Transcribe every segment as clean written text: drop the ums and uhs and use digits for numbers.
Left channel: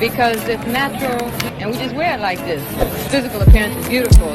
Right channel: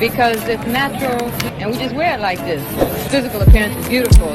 because it's natural and we just wear it like this. Physical appearance is beautiful.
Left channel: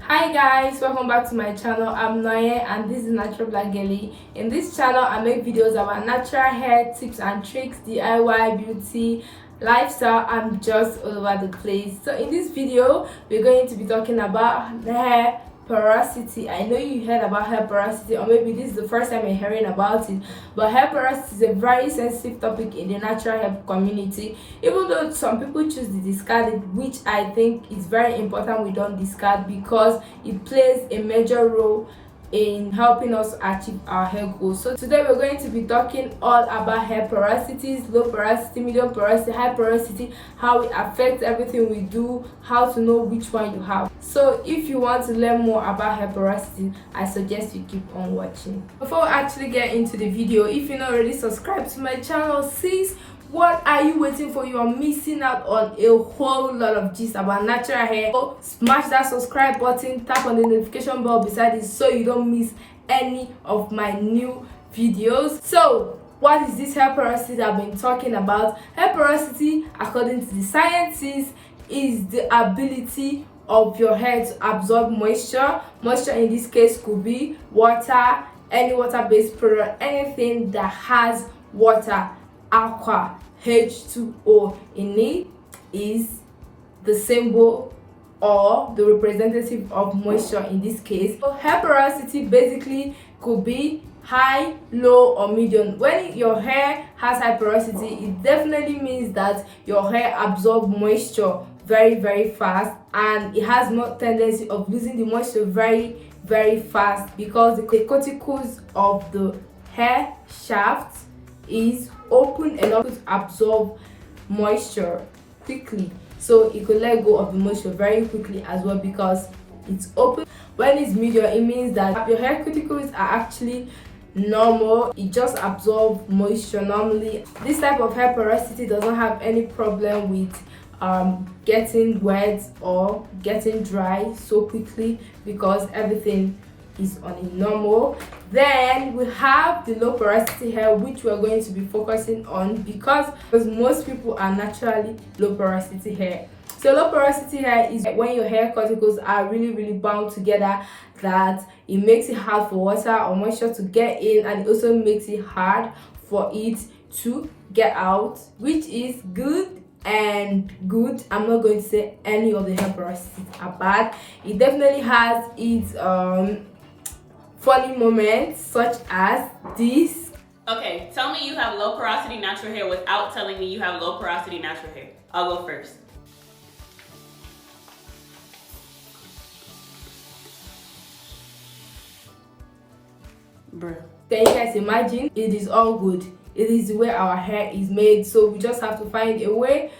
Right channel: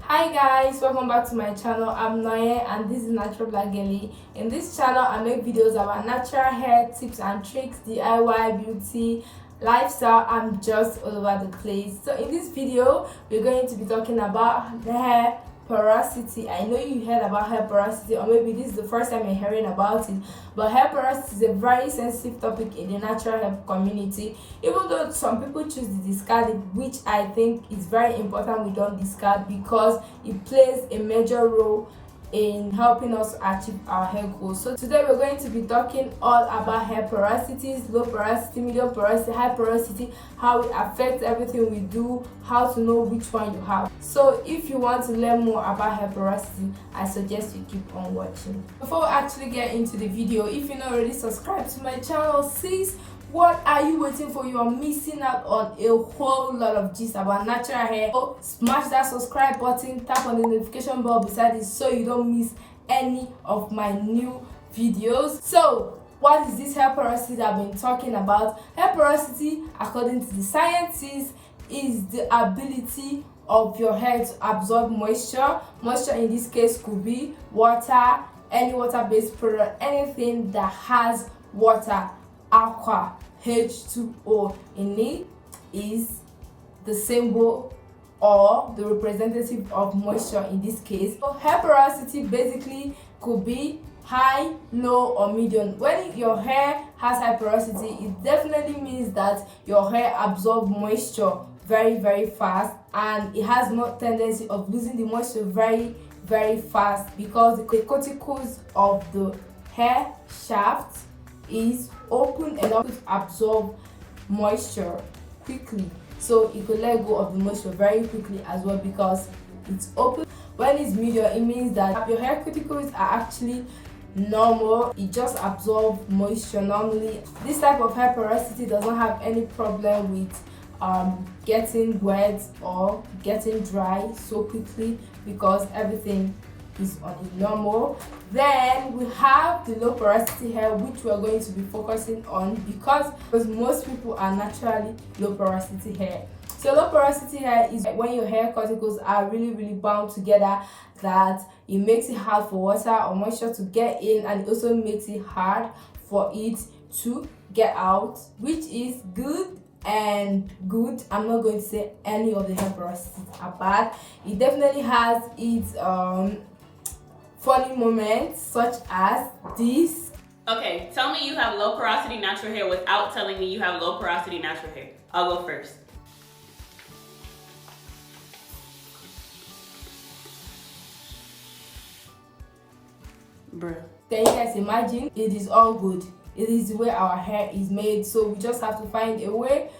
Hi guys, welcome back to my channel. I'm Noye and this is Natural Black Girly. In this channel I make videos about natural hair tips and tricks, DIY, beauty, lifestyle, and just all over the place. So in this video we're going to be talking about hair porosity. I know you heard about hair porosity, or maybe this is the first time you're hearing about it, but hair porosity is a very sensitive topic in the natural hair community. Even though some people choose to discard it, which I think is very important we don't discard, because it plays a major role in helping us achieve our hair goals. So today we're going to be talking all about hair porosities, low porosity, medium porosity, high porosity, how it affects everything we do, how to know which one you have. So if you want to learn more about hair porosity, I suggest you keep on watching. Before we actually get into the video, if you're not already subscribed to my channel, sis, what are you waiting for? You are missing out on a whole lot of gist about natural hair. So smash that subscribe button, tap on the notification bell beside it so you don't miss any of my new videos. So what is this hair porosity that I've been talking about? Hair porosity, according to the scientists, is the ability of your hair to absorb moisture. Moisture in this case could be water, any water-based product, anything that has water, aqua, H2O in it, is the symbol or the representative of moisture in this case. So hair porosity basically could be high, low, or medium. When your hair has high porosity, it definitely means that your hair absorbs moisture very fast, and it has no tendency of losing the moisture very fast, because the cuticles of the hair shaft is open enough to absorb moisture quickly, so it could let go of the moisture very quickly as well, because it's open. When it's medium, it means that your hair cuticles are actually normal, it just absorbs moisture normally. This type of hair porosity doesn't have any problem with getting wet or getting dry so quickly, because everything is on a normal. Then we have the low porosity hair, which we are going to be focusing on because most people are naturally low porosity hair. So low porosity hair is when your hair cuticles are really bound together, that it makes it hard for water or moisture to get in, and it also makes it hard for it to get out, which is good and good. I'm not going to say any of the hair porosities are bad. It definitely has its funny moments, such as this. Okay, tell me you have low porosity natural hair without telling me you have low porosity natural hair. I'll go first. Bruh. Then you guys imagine, it is all good. It is the way our hair is made, so we just have to find a way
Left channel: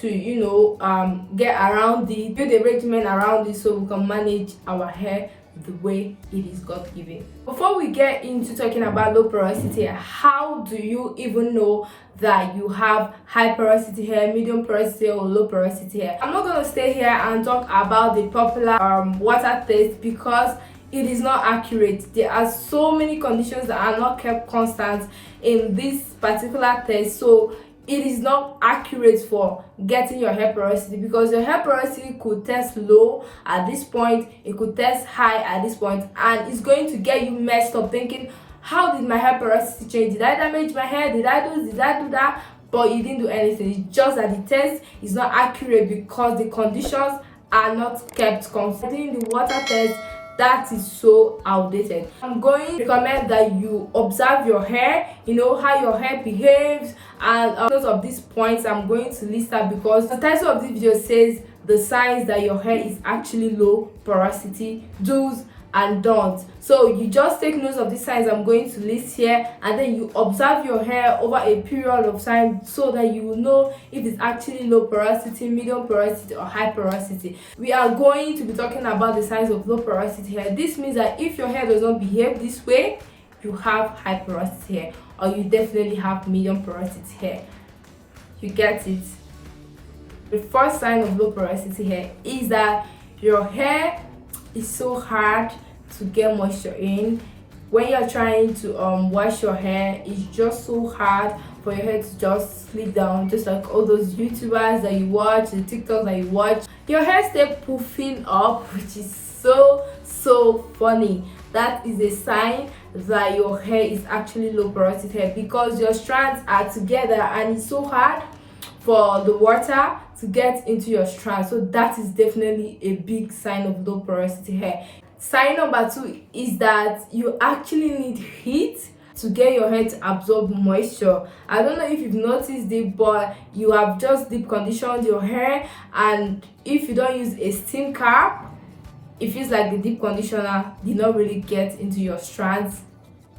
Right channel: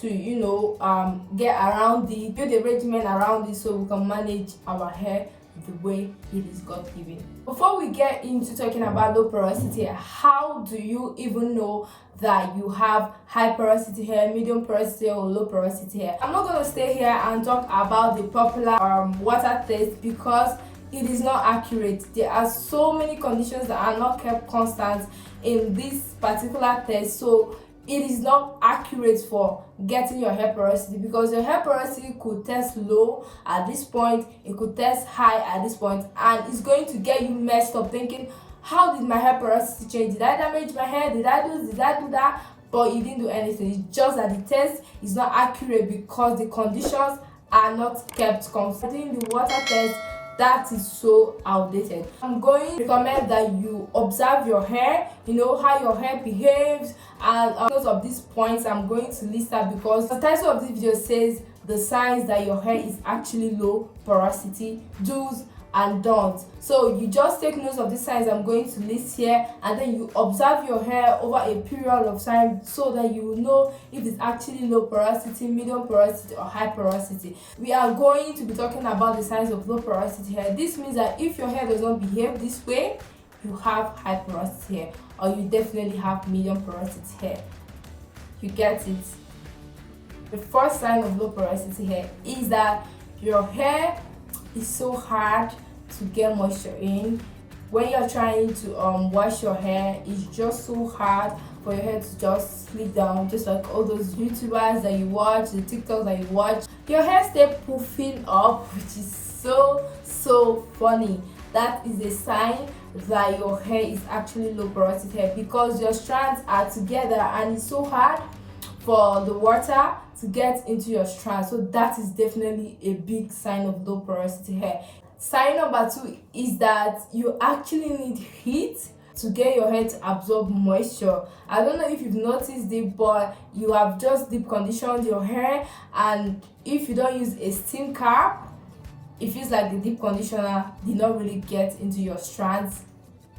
to get around it, build a regimen around it, so we can manage our hair the way it is God given. Before we get into talking about low porosity, how do you even know that you have high porosity hair, medium porosity, or low porosity hair? I'm not going to stay here and talk about the popular water test, because it is not accurate. There are so many conditions that are not kept constant in this particular test, so it is not accurate for getting your hair porosity, because your hair porosity could test low at this point, it could test high at this point, and it's going to get you messed up thinking, how did my hair porosity change? Did I damage my hair? Did I do that? But you didn't do anything. It's just that the test is not accurate because the conditions are not kept constant. Doing the water test, that is so outdated. I'm going to recommend that you observe your hair, how your hair behaves, and because of these points I'm going to list out, because the title of this video says the signs that your hair is actually low porosity, do's and don'ts. So you just take notes of these signs I'm going to list here, and then you observe your hair over a period of time so that you will know if it's actually low porosity, medium porosity, or high porosity. We are going to be talking about the signs of low porosity hair. This means that if your hair does not behave this way, you have high porosity hair, or you definitely have medium porosity hair. You get it? The first sign of low porosity hair is that your hair is so hard to get moisture in. when you're trying to wash your hair, it's just so hard for your hair to just slip down, just like all those YouTubers that you watch, the TikToks that you watch. Your hair stay poofing up, which is so funny. That is a sign that your hair is actually low porosity hair, because your strands are together and it's so hard for the water to get into your strands. So that is definitely a big sign of low porosity hair. Sign number 2 is that you actually need heat to get your hair to absorb moisture. I don't know if you've noticed it, but you have just deep conditioned your hair, and if you don't use a steam cap, it feels like the deep conditioner did not really get into your strands.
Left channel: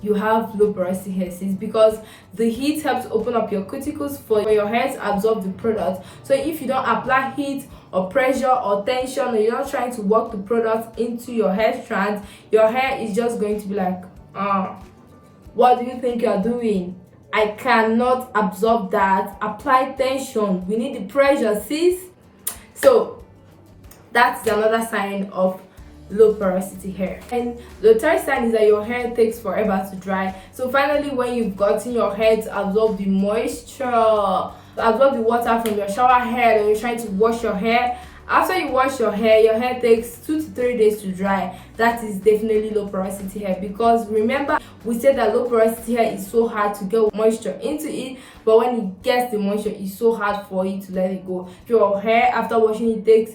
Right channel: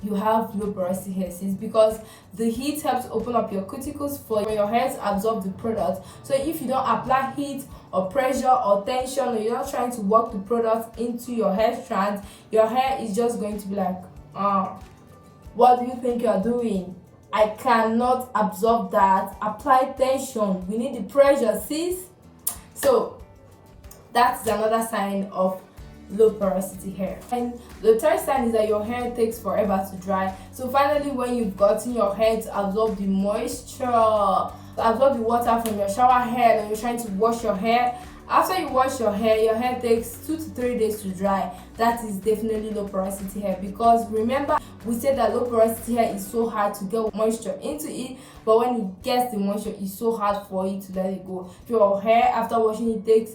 You have low porosity hair, sis, because the heat helps open up your cuticles for your hair to absorb the product. So if you don't apply heat or pressure or tension, or you're not trying to work the product into your hair strands, your hair is just going to be like, what do you think you're doing? I cannot absorb that. Apply tension. We need the pressure, sis. So that's another sign of low porosity hair. And the third sign is that your hair takes forever to dry. So finally, when you've gotten your hair to absorb the moisture, absorb the water from your shower head, or you're trying to wash your hair, after you wash your hair takes 2 to 3 days to dry. That is definitely low porosity hair, because remember we said that low porosity hair is so hard to get moisture into it, but when it gets the moisture, it's so hard for you to let it go. If your hair after washing it takes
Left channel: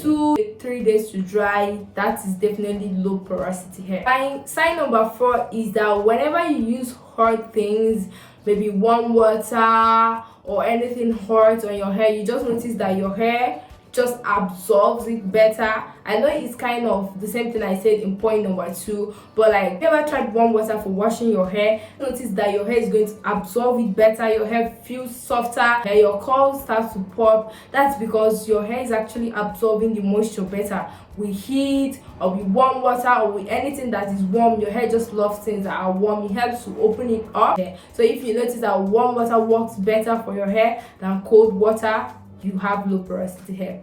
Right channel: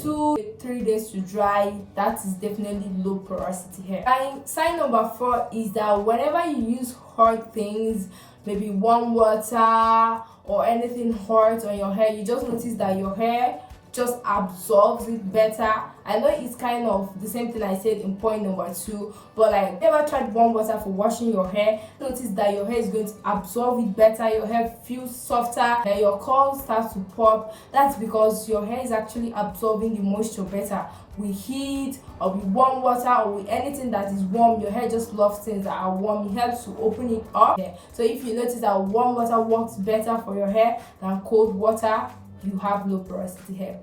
2 to 3 days to dry, that is definitely low porosity hair. Sign number 4 is that whenever you use hot things, maybe warm water or anything hot on your hair, you just notice that your hair just absorbs it better. I know it's kind of the same thing I said in point number 2, but like, never tried warm water for washing your hair, notice that your hair is going to absorb it better, your hair feels softer, and your curls start to pop. That's because your hair is actually absorbing the moisture better. With heat or with warm water or with anything that is warm, your hair just loves things that are warm. It helps to open it up. So if you notice that warm water works better for your hair than cold water, you have low porosity hair.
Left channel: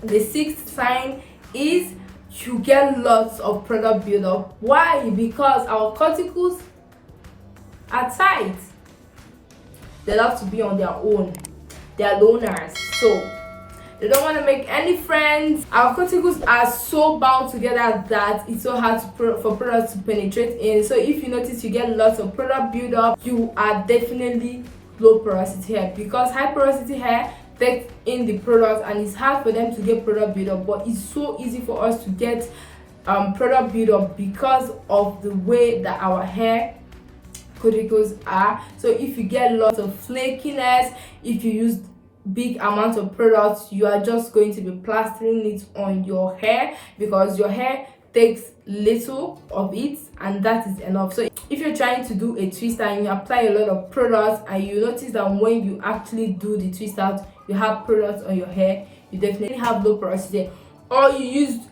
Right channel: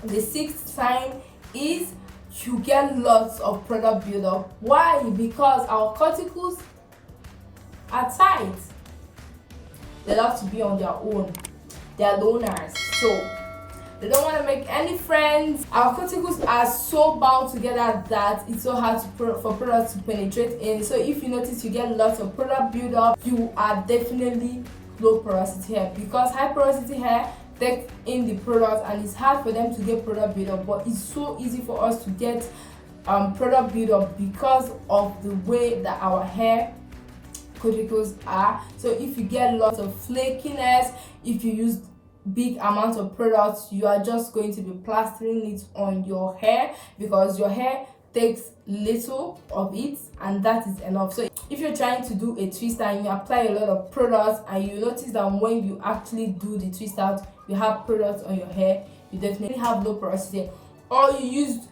The 6th sign is you get lots of product buildup. Why? Because our cuticles are tight. They love to be on their own. They are loners, so they don't want to make any friends. Our cuticles are so bound together that it's so hard for products to penetrate in. So if you notice you get lots of product buildup, you are definitely low porosity hair, because high porosity hair take in the product and it's hard for them to get product buildup, but it's so easy for us to get product buildup because of the way that our hair cuticles are. So if you get lots of flakiness, if you use big amount of products, you are just going to be plastering it on your hair, because your hair takes little of it and that is enough. So if you're trying to do a twist and you apply a lot of products and you notice that when you actually do the twist out, you have products on your hair, you definitely have low porosity. Or you use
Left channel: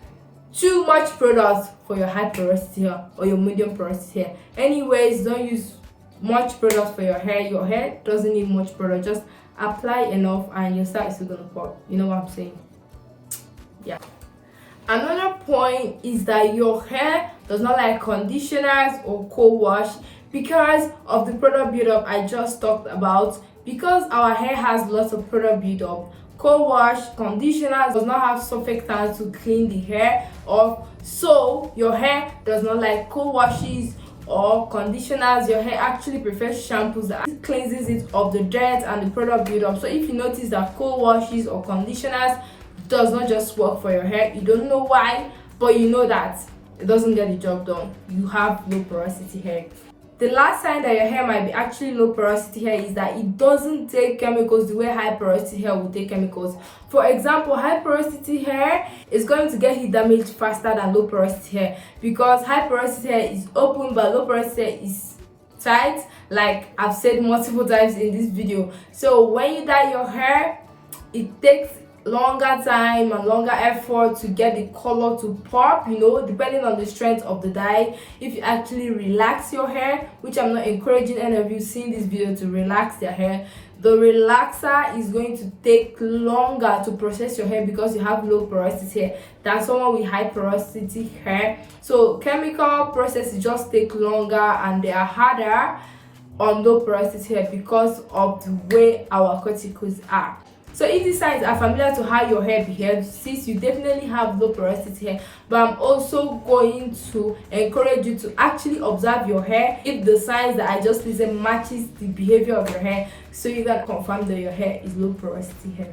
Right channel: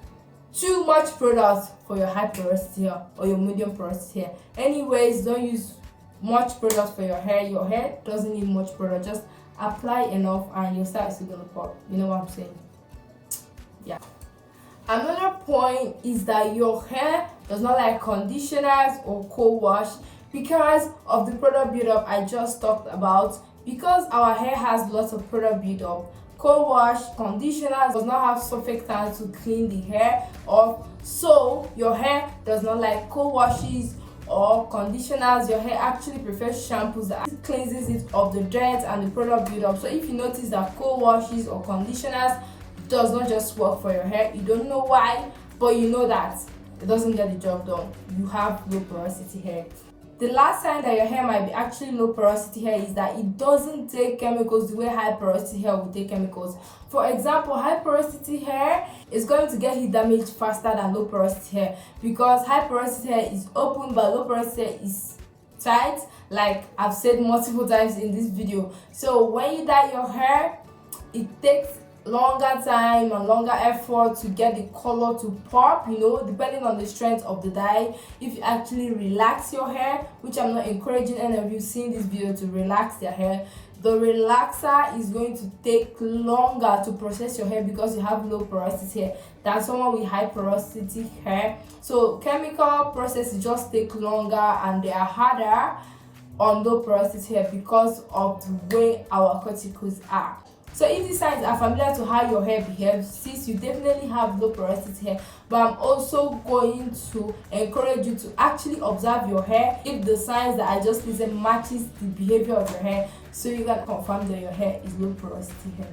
too much products for your high porosity hair or your medium porosity hair. Anyways, don't use much products for your hair. Your hair doesn't need much product. Just apply enough and your style is still gonna pop. You know what I'm saying? Yeah. Another point is that your hair does not like conditioners or co-wash because of the product buildup I just talked about. Because our hair has lots of product buildup, co-wash, conditioners does not have surfactants to clean the hair off. So your hair does not like co-washes or conditioners. Your hair actually prefers shampoos that cleanses it of the dirt and the product buildup. So if you notice that co-washes or conditioners does not just work for your hair, you don't know why, but you know that it doesn't get the job done, you have low porosity hair. The last sign that your hair might be actually low porosity hair is that it doesn't take chemicals the way high porosity hair will take chemicals. For example, high porosity hair is going to get heat damage faster than low porosity hair, because high porosity hair is open but low porosity hair is tight, like I've said multiple times in this video. So when you dye your hair, it takes longer time and longer effort to get the color to pop, you know, depending on the strength of the dye. If you actually relax your hair, which I'm not encouraging any of you seeing this video to relax their hair, the relaxer is going to take longer to process your hair because you have low porosity hair than someone with high porosity hair. So chemical processes just take longer and they are harder on low porosity hair because of the way our cuticles are. So if these signs are familiar to how your hair behaves, since you definitely have low porosity hair, but I'm also going to encourage you to actually observe your hair if the signs that I just listed matches the behavior of your hair, so you can confirm that your hair is low porosity hair.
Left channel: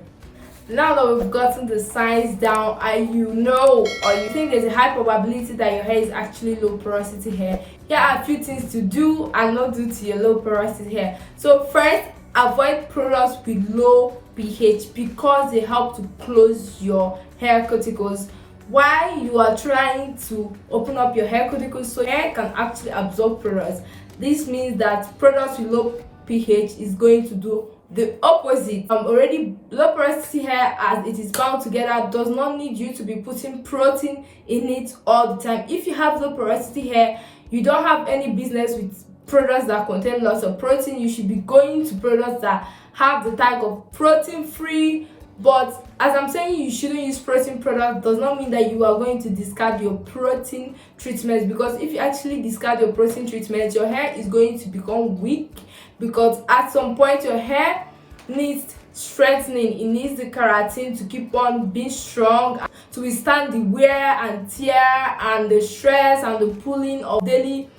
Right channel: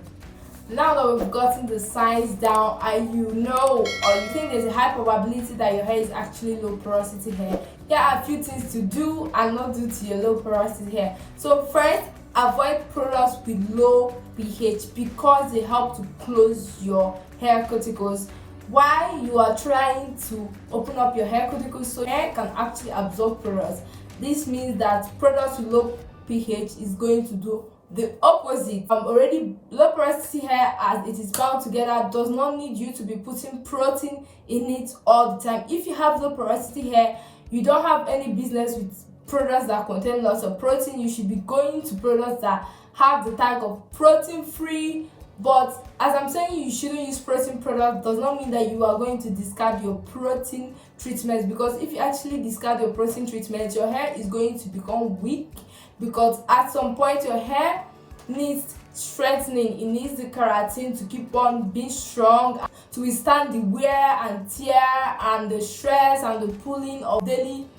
Now that we've gotten the signs down and you know or you think there's a high probability that your hair is actually low porosity hair, here are a few things to do and not do to your low porosity hair. So first, avoid products with low pH because they help to close your hair cuticles while you are trying to open up your hair cuticles so your hair can actually absorb products. This means that products with low pH is going to do the opposite. Already low porosity hair, as it is bound together, does not need you to be putting protein in it all the time. If you have low porosity hair, you don't have any business with products that contain lots of protein. You should be going to products that have the tag of protein free. But as I'm saying you shouldn't use protein products, does not mean that you are going to discard your protein treatments, because if you actually discard your protein treatments, your hair is going to become weak, because at some point your hair needs strengthening. It needs the keratin to keep on being strong, to withstand the wear and tear and the stress and the pulling of daily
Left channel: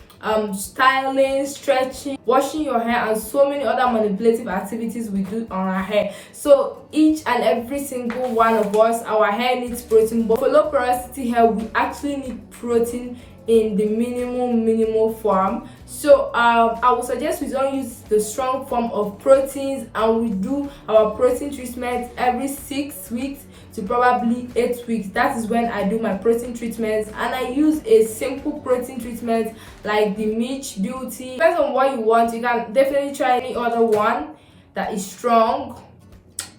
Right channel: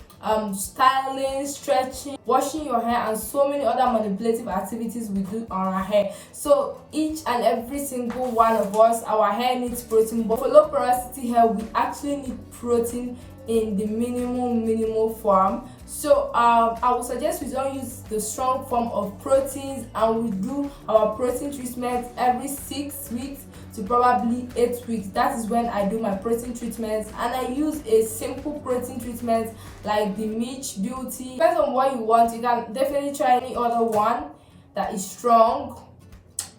styling, stretching, washing your hair, and so many other manipulative activities we do on our hair. So each and every single one of us, our hair needs protein, but for low porosity hair we actually need protein in the minimal form. So I would suggest we don't use the strong form of proteins, and we do our protein treatment every 6 weeks to probably 8 weeks. That is when I do my protein treatments, and I use a simple protein treatment like the Mitch Beauty. Depends on what you want. You can definitely try any other one that is strong,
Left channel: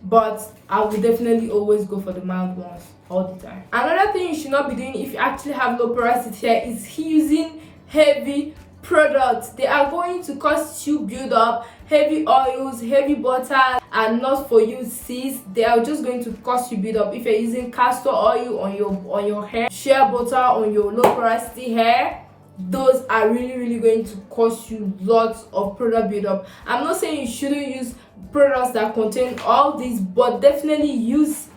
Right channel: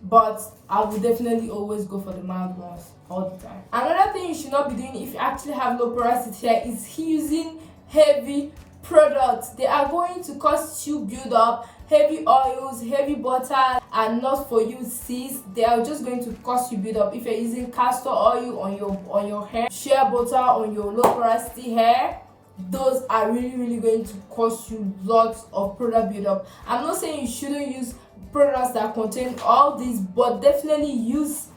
but I will definitely always go for the mild ones all the time. Another thing you should not be doing if you actually have low porosity hair is using heavy products. They are going to cause you build up. Heavy oils, heavy butter are not for you, sis. They are just going to cause you build up. If you're using castor oil on your hair, shea butter on your low porosity hair, those are really going to cause you lots of product build up. I'm not saying you shouldn't use products that contain all these, but definitely use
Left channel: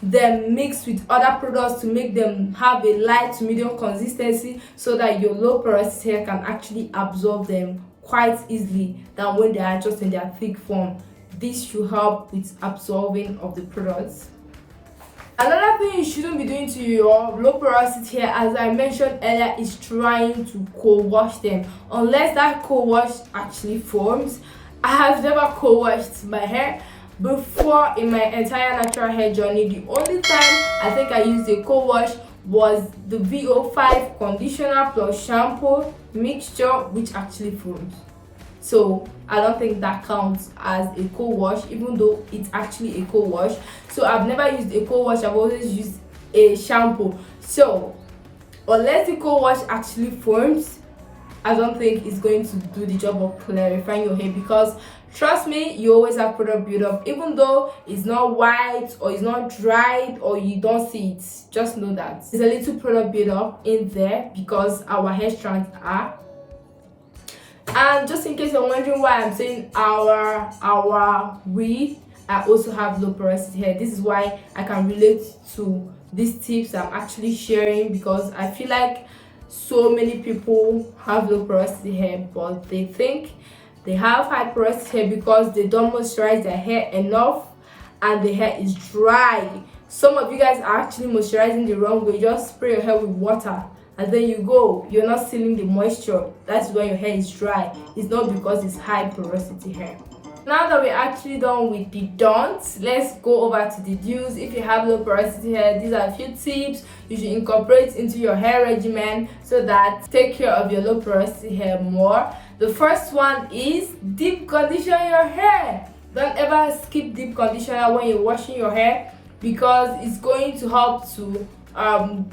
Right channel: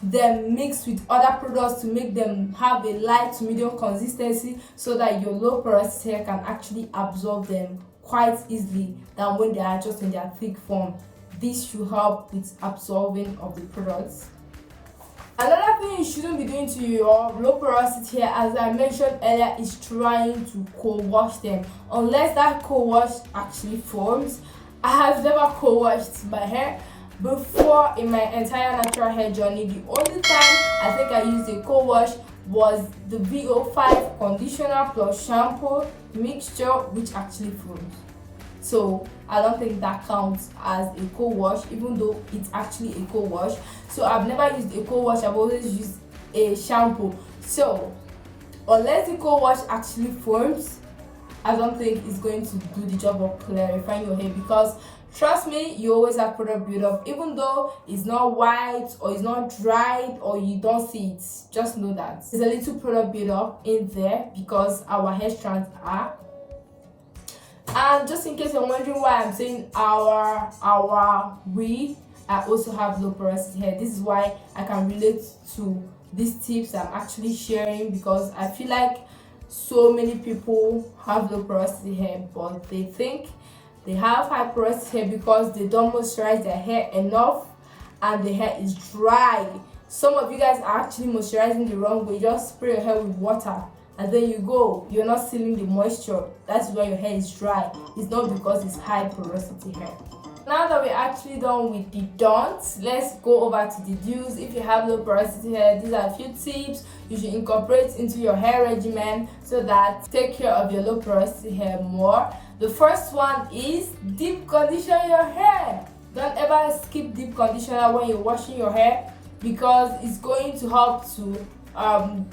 them mixed with other products to make them have a light to medium consistency, so that your low porosity hair can actually absorb them quite easily than when they are just in their thick form. This should help with absorbing of the products. Another thing you shouldn't be doing to your low porosity hair, as I mentioned earlier, is trying to co-wash them unless that co-wash actually forms. I have never co-washed my hair before in my entire natural hair journey. The only time I think I used a co-wash was the VO5 conditioner plus shampoo mixture, which actually forms. So I don't think that counts as a co-wash, even though it's actually a co-wash. So I've never used a co-wash, I've always used a shampoo. So unless the co-wash actually forms, I don't think it's going to do the job of clarifying your hair, because trust me, you always have product build up, even though it's not white or it's not dried or you don't see it. Just know that there's a little product build up in there because our hair strands are. And just in case you're wondering why I'm saying I also have low porosity hair. This is why I can relate to these tips I'm actually sharing, because I feel like so many people have low porosity hair, but they think they have high porosity hair because they don't moisturize their hair enough and the hair is dry. Some of you guys are actually moisturizing the wrong way. Just spray your hair with water and then you're not sealing the moisture. That's why your hair is dry. It's not because it's high porosity hair. Now that we're actually done with the don'ts, let's go over to the do's. If you have low porosity hair, these are a few tips you should incorporate into your hair regimen so that take care of your low porosity hair more. The first one is deep condition your hair. Don't ever skip deep conditioner when you're washing your hair. because it's going to help to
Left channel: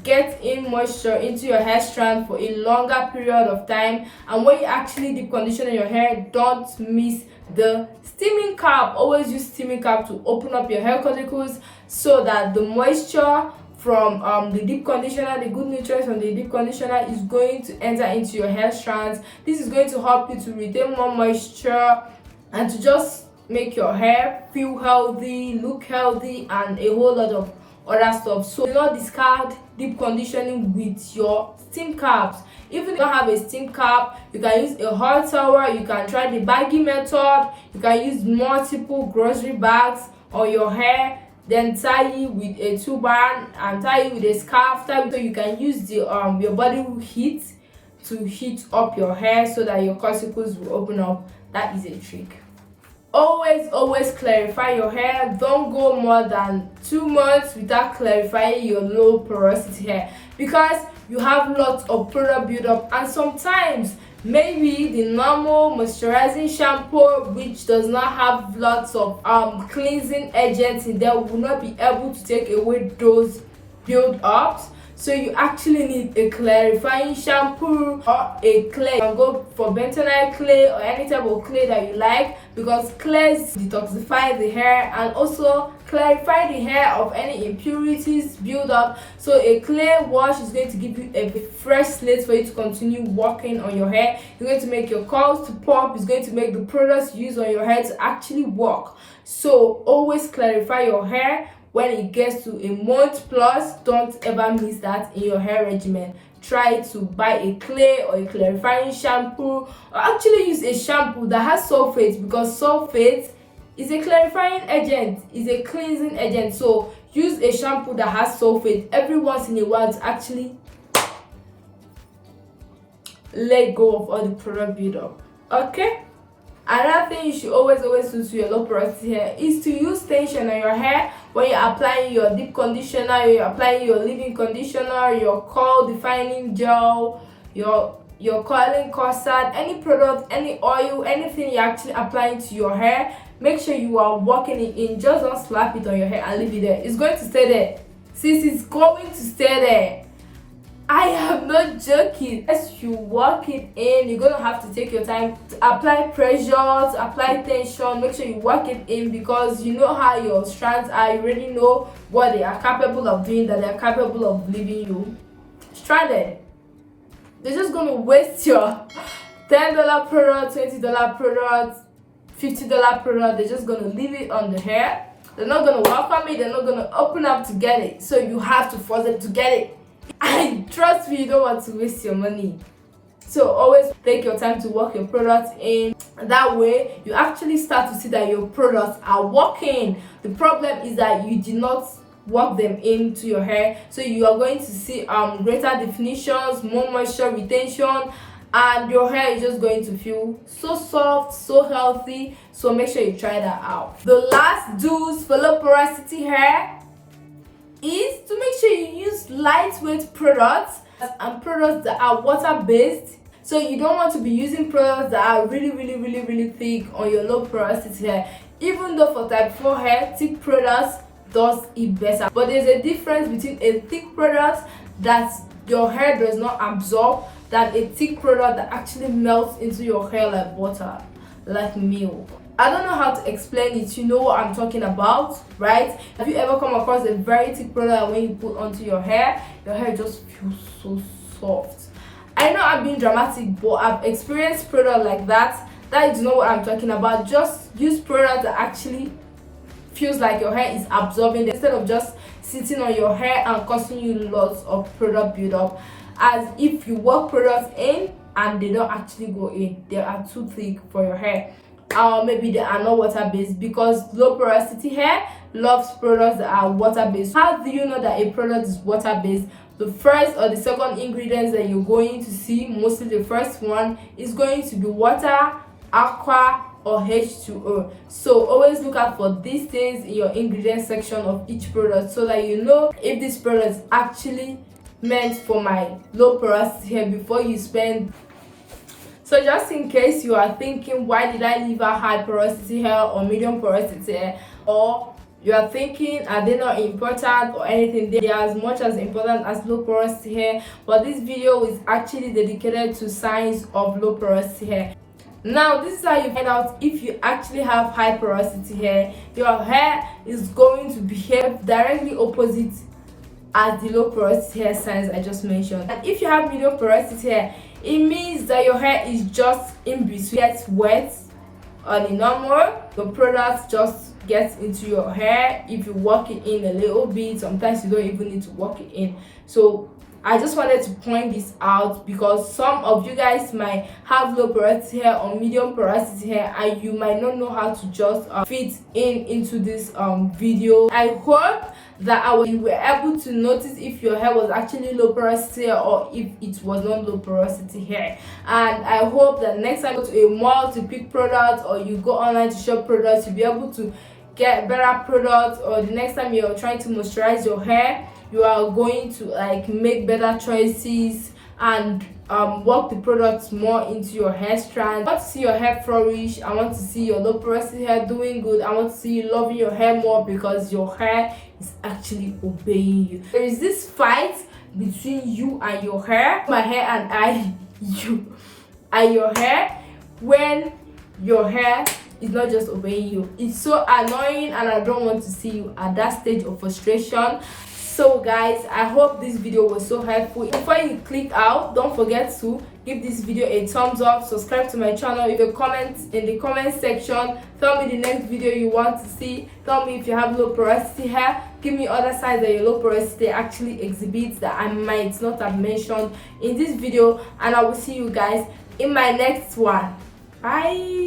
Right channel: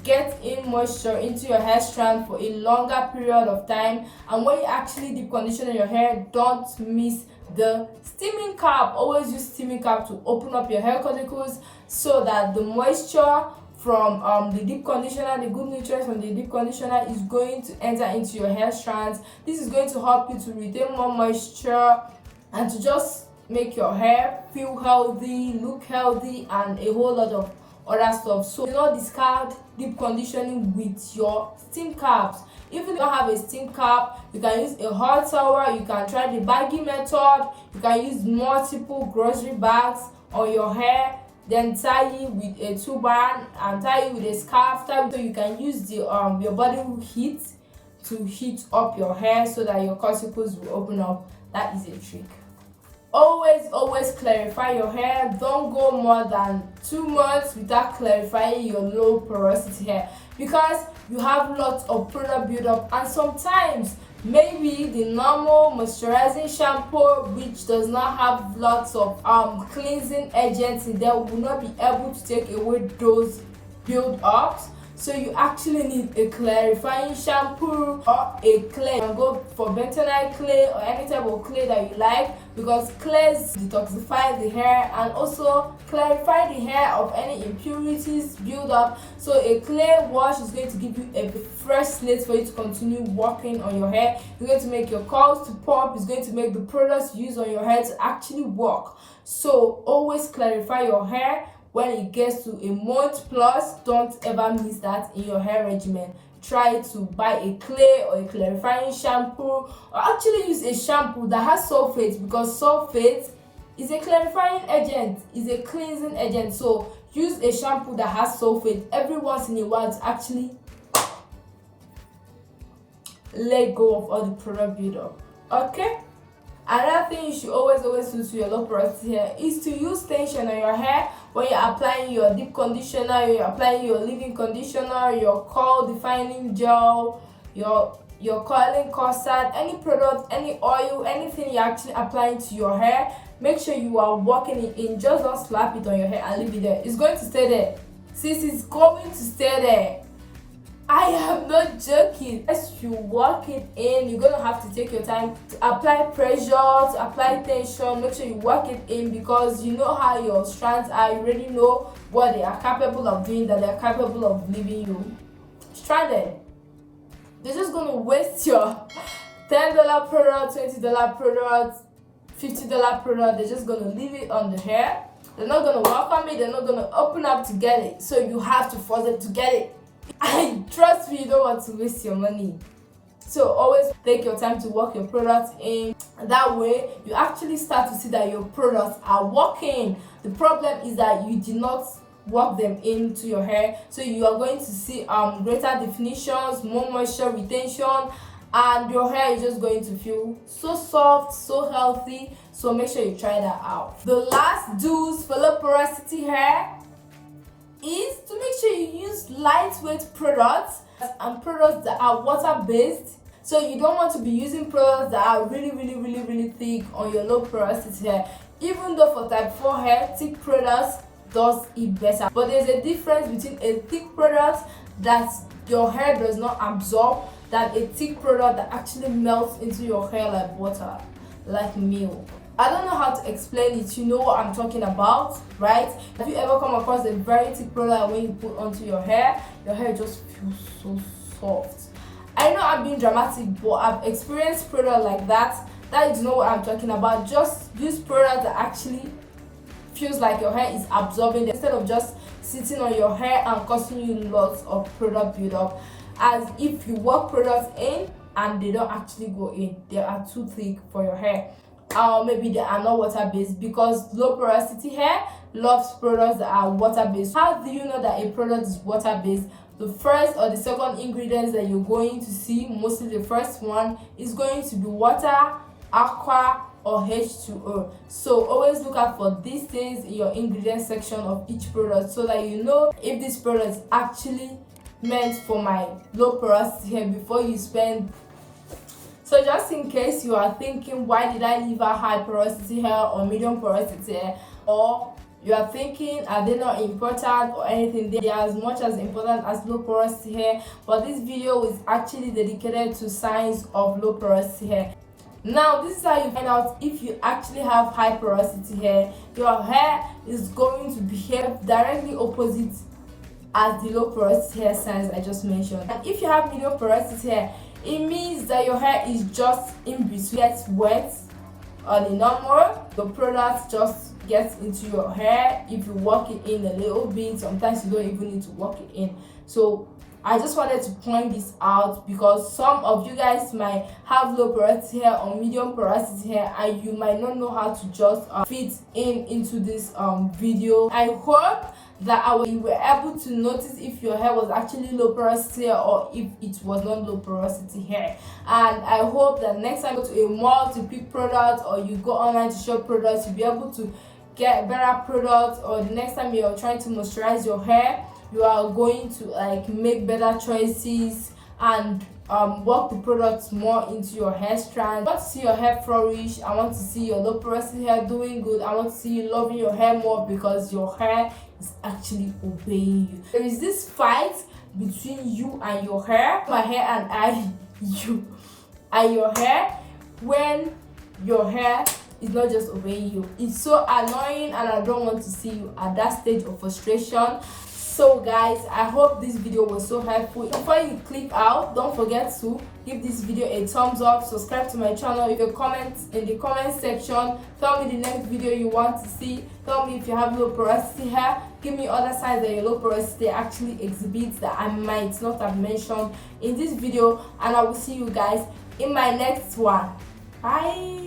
get in moisture into your hair strand for a longer period of time. And when you actually deep condition your hair, don't miss the steaming cap. Always use steaming cap to open up your hair follicles so that the moisture from the deep conditioner, the good nutrients from the deep conditioner is going to enter into your hair strands. This is going to help you to retain more moisture and to just make your hair feel healthy, look healthy, and a whole lot of other stuff. So do not discard deep conditioning with your steam caps. If you don't have a steam cap, you can use a hot towel, you can try the baggy method, you can use multiple grocery bags on your hair, then tie it with a turban and tie it with a scarf, so you can use the your body heat to heat up your hair so that your cauticles will open up. That is a trick. Always clarify your hair. Don't go more than 2 months without clarifying your low porosity hair, because you have lots of product buildup, and sometimes maybe the normal moisturizing shampoo, which does not have lots of cleansing agents in there, will not be able to take away those build-ups. So you actually need a clarifying shampoo or a clay. You can go for bentonite clay or any type of clay that you like, because clays detoxify the hair and also clarify the hair of any impurities build up. So a clay wash is going to give you a fresh slate for you to continue working on your hair. It's going to make your curls to pop. It's going to make the products used on your hair to actually work. So always clarify your hair. When it gets to a month plus, don't ever miss that in your hair regimen. Try to buy a clay or a clarifying shampoo, or actually use a shampoo that has sulfate, because sulfate is a clarifying agent, is a cleansing agent. So use a shampoo that has sulfate every once in a while to actually let go of all the product buildup. Okay? Another thing you should always do to your low porosity hair is to use tension on your hair when you're applying your deep conditioner, you're applying your leave-in conditioner, your curl defining gel, your curling custard, any product, any oil, anything you're actually applying to your hair. Make sure you are working it in. Just don't slap it on your hair and leave it there. It's going to stay there. Sis, it's going to stay there. I am not joking. As you work it in, you're gonna have to take your time to apply pressure, to apply tension. Make sure you work it in, because you know how your strands are. You already know what they are capable of doing, that they're capable of leaving you stranded. They're just gonna waste your $10 product, $20 product, $50 product. They're just gonna leave it on the hair. They're not gonna welcome it. They're not gonna open up to get it. So you have to force them to get it. I trust me, you don't want to waste your money. So always take your time to work your products in. That way you actually start to see that your products are working. The problem is that you did not work them into your hair. So you are going to see greater definitions, more moisture retention, and your hair is just going to feel so soft, so healthy. So make sure you try that out. The last do's for low porosity hair is to make sure you use lightweight products and products that are water based. So you don't want to be using products that are really thick on your low porosity hair. Even though for type 4 hair, thick products does it better, but there's a difference between a thick product that your hair does not absorb than a thick product that actually melts into your hair like butter, like milk. I don't know how to explain it. You know what I'm talking about, right? Have you ever come across a very thick product and when you put onto your hair just feels so soft? I know I'm being dramatic, but I've experienced product like that. That is not what I'm talking about. Just use product that actually feels like your hair is absorbing it, instead of just sitting on your hair and causing you lots of product buildup. As if you work products in and they don't actually go in, they are too thick for your hair. Or maybe they are not water based, because low porosity hair loves products that are water based. How do you know that a product is water based? The first or the second ingredients that you're going to see, mostly the first one, is going to be water, aqua, or H2O. So always look out for these things in your ingredient section of each product, so that you know if this product is actually meant for my low porosity hair before you spend. So just in case you are thinking, why did I leave out high porosity hair or medium porosity hair, or you are thinking, are they not important or anything? They are as much as important as low porosity hair, but this video is actually dedicated to signs of low porosity hair. Now this is how you find out if you actually have high porosity hair. Your hair is going to behave directly opposite as the low porosity hair signs I just mentioned. And if you have medium porosity hair, it means that your hair is just in between. Gets wet or the normal, the product just gets into your hair. If you work it in a little bit, sometimes you don't even need to work it in. So I just wanted to point this out because some of you guys might have low porosity hair or medium porosity hair and you might not know how to just fit into this video. I hope that you were able to notice if your hair was actually low porosity hair or if it was not low porosity hair. And I hope that next time you go to a mall to pick products or you go online to shop products, you'll be able to get better products, or the next time you're trying to moisturize your hair, you are going to like make better choices and work the products more into your hair strand. I want to see your hair flourish. I want to see your low porosity hair doing good. I want to see you loving your hair more because your hair is actually obeying you. There is this fight between you and your hair, my hair and you and your hair, when your hair is not just obeying you. It's so annoying and I don't want to see you at that stage of frustration. So guys, I hope this video was so helpful. Before you click out, don't forget to give this video a thumbs up, subscribe to my channel, leave a comment in the comment section, tell me the next video you want to see, tell me if you have low porosity hair, give me other signs that your low porosity actually exhibits that I might not have mentioned in this video, and I will see you guys in my next one. Bye.